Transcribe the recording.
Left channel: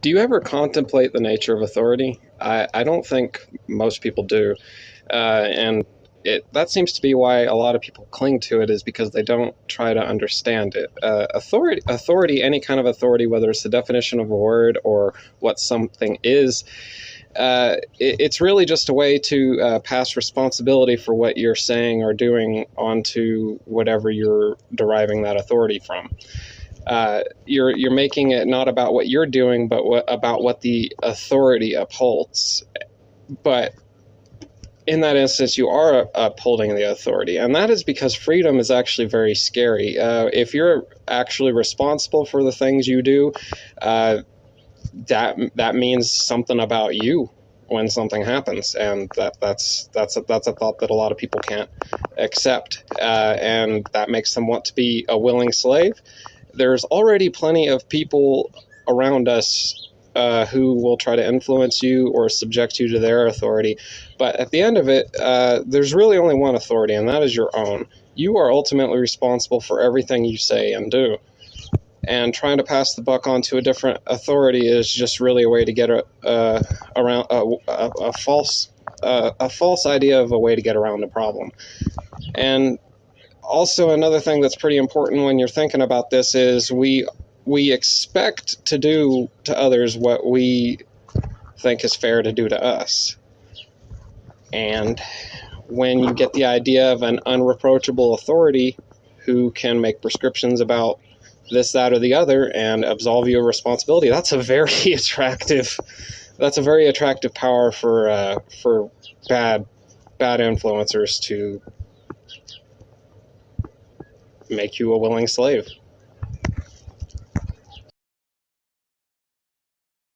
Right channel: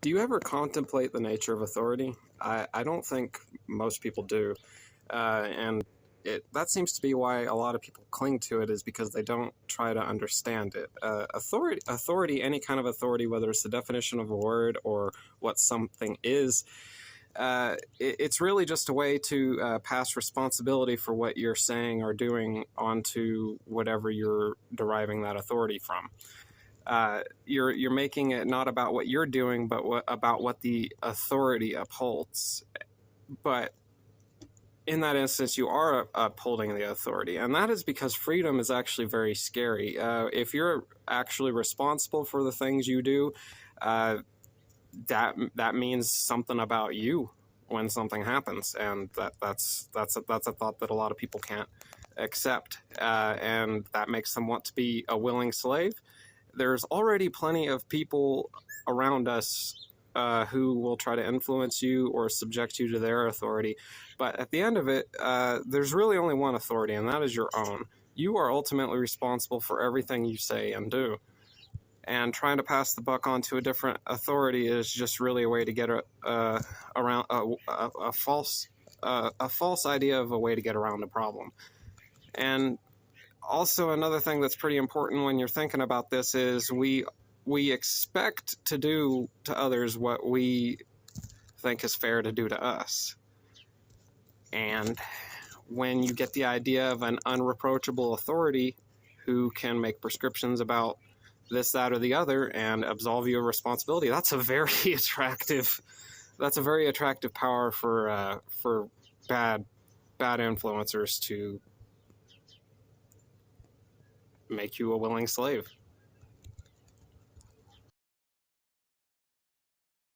Do you ever contemplate the nature of authority? I don't think most people do. And that seems to be why a lot of people cling to it, is because they don't try to understand it. Authority, any kind of authority, whether it's the definition of a word or what something is, it's really just a way to pass responsibility for what you're saying or doing onto whatever you're deriving that authority from. You're making it not about what you're doing, but about what the authority upholds. But in that instance, you are upholding the authority, and that is because freedom is actually very scary. If you're actually responsible for the things you do, that means something about you when something happens, and that's a thought that a lot of people can't accept, and that makes them want to be a willing slave. There's already plenty of people around us who will try to influence you or subject you to their authority. But at the end of it, there's really only one authority, and that is your own. You are ultimately responsible for everything you say and do. And trying to pass the buck on to a different authority is just really a way to get around a false idea of a way to get around the problem. And also, another thing that's pretty important when you're thinking about this is we expect to do to others what we think is fair to do to us. And when you get the idea of an unreproachable authority who can make prescriptions about this, that, or the other and absolve you of responsibility, that's a very attractive power for bad influencers to make you a willing slave.